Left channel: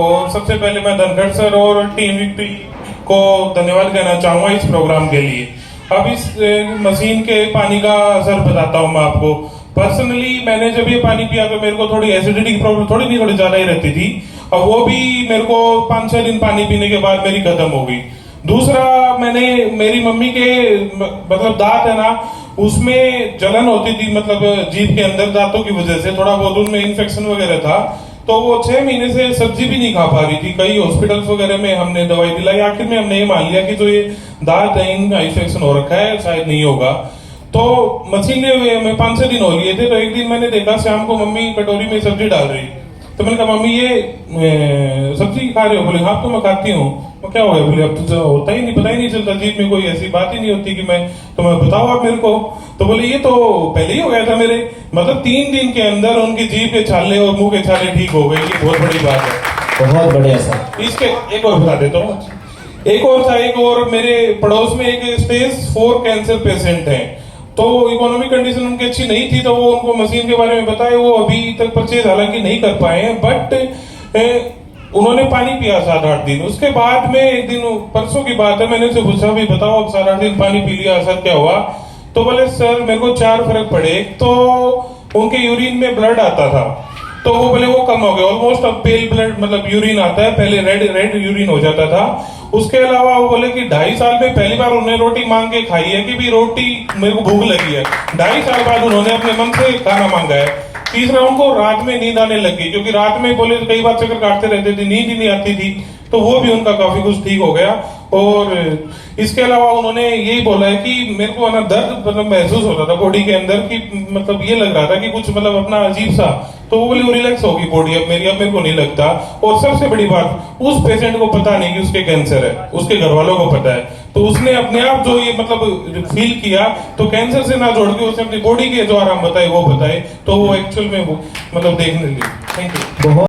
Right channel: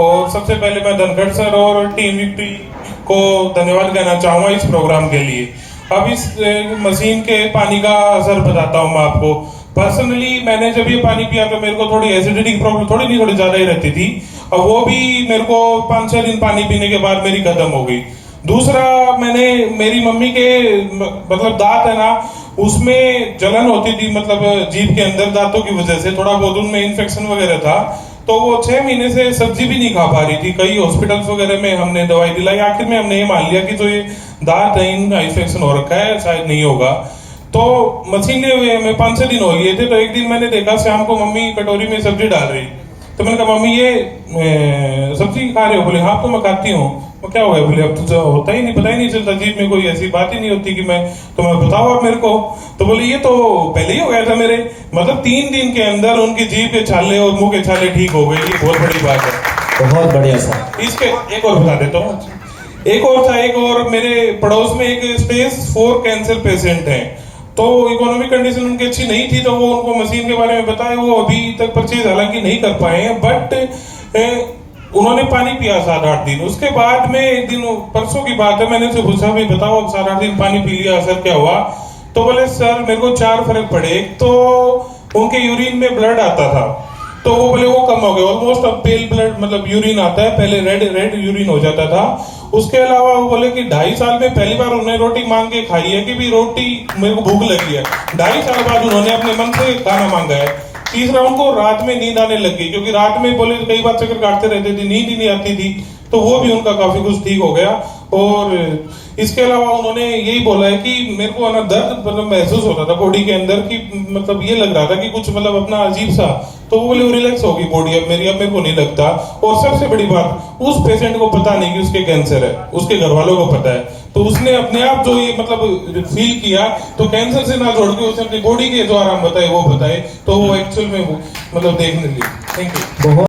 और सबसे पहले मैं धनखड़ सर और टीम विक्ट्री को धन्यवाद कहना चाहूँगा इस प्रोग्राम के लिए। अब इस मशीन के पानी का असर बताता हूँ मैं आपको। पर्सनली मैंने जब ये पानी पिया तो मेरे को थोड़ी एसिडिटी की प्रॉब्लम थोड़ी नहीं थोड़ी ज़्यादा ही रहती थी, और वो भी मेरे को 5-6 दिन पानी पीने के बाद मेरी खत्म हो गई। दूसरा, मैंने मेरी मम्मी के मतलब दांत है ना, उसमें जलन होती थी, मतलब जीभ के अंदर दांतों की वजह से थोड़ा बहुत उनमें इन्फेक्शन वगैरह था, तो वो 6 महीने से सब्जी भी नहीं खा पा रही थी। कई हॉस्पिटल्स वगैरह में हमने दवाई दिलाई, आखिर में हमने ये मान लिया कि जो ये दांत है इनका इन्फेक्शन हो रखा है, शायद नहीं होगा। तो मशीन में 5-6 दिन हो गए थे, तो एक दिन मैंने देखा शाम को मम्मी कटोरी में सब्जी डाल रही, तो मैंने कहा मम्मी ये सब्जी खा रहे हो? बोले हाँ तो मैं खाती हूँ। तो क्या हुआ? बोले अब तो होता ही नहीं, पता ही नहीं चलता, जीभ में कोई ऐसी बात ही नहीं होती कि मैं तुम्हें बताओ आप मेरे को। तो बोले ये तो पहले ही हो गया था मेरे, मतलब 3 दिन के अंदर उनकी जीभ के छाले और मुंह के छाले ठीक हो गए। ये बहुत बड़ी बात है। बहुत बढ़िया सर। इसके एक और बता देता हूँ, एक और था, एक और मेरे पड़ोस में एक स्टेज 4 कैंसर पेशेंट है, तो इकोनॉमिक कंडीशन उनकी अच्छी नहीं थी, तो वो उनको मशीन के बारे में बताए, वो अभी तक परचेज हालांकि नहीं कर पाए हैं, बट उन्होंने पानी पिया 7-8 दिन। उसके बाद में एक दिन, परसों की बात है, मैंने उनसे पूछा भाई बताओ अब 7-8 दिन पानी पी लिया, असर क्या हुआ? तो बोले सर मेरे को 4 फर्क पड़े। एक तो उनके यूरिन में ब्लड आता था, तो वो बोले वो कम हो गया, ऑलमोस्ट अब पेल ब्लड मतलब यूरिन आता है, पहले रेड यूरिन हो जाता था। उसके अलावा वो बोले कि 2.5 साल में पहली बार उन्होंने रोटी मांग के खाई है कि भी रोटी मेरे को भूख लगी है। 2.5 साल बाद उन्होंने अपने मन से खाना मांगा है। तीसरा, उनको रात में नींद आने लगी, क्योंकि रात में बोले कई बार चक्कर काटते रहते थे, नींद ही नहीं आती थी, तो वो भी उनका काफी कुछ ठीक हो गया। और इसके अलावा उन्होंने यही बोला है कि मेरे को ना दर्द मतलब महसूस होता था बॉडी के अंदर, कि मतलब ये लग रहा था कि कुछ मतलब अपना अजीब सा, तो वो बोले रिलैक्स होगी बॉडी अब मेरी, अब मेरे को नहीं लगता। और सबसे बड़ी बात, उस पेशेंट को पता नहीं कि उसके कैंसर है, उसके घर वालों को पता है, तो उसने अपने आप जो ये मतलब फील किया, तो कैंसर से ना जोड़ के उसने अपनी बॉडी के जो आराम बताए वो बताए, तो वो एक्चुअल में वो मतलब देखने लगी। Thank you.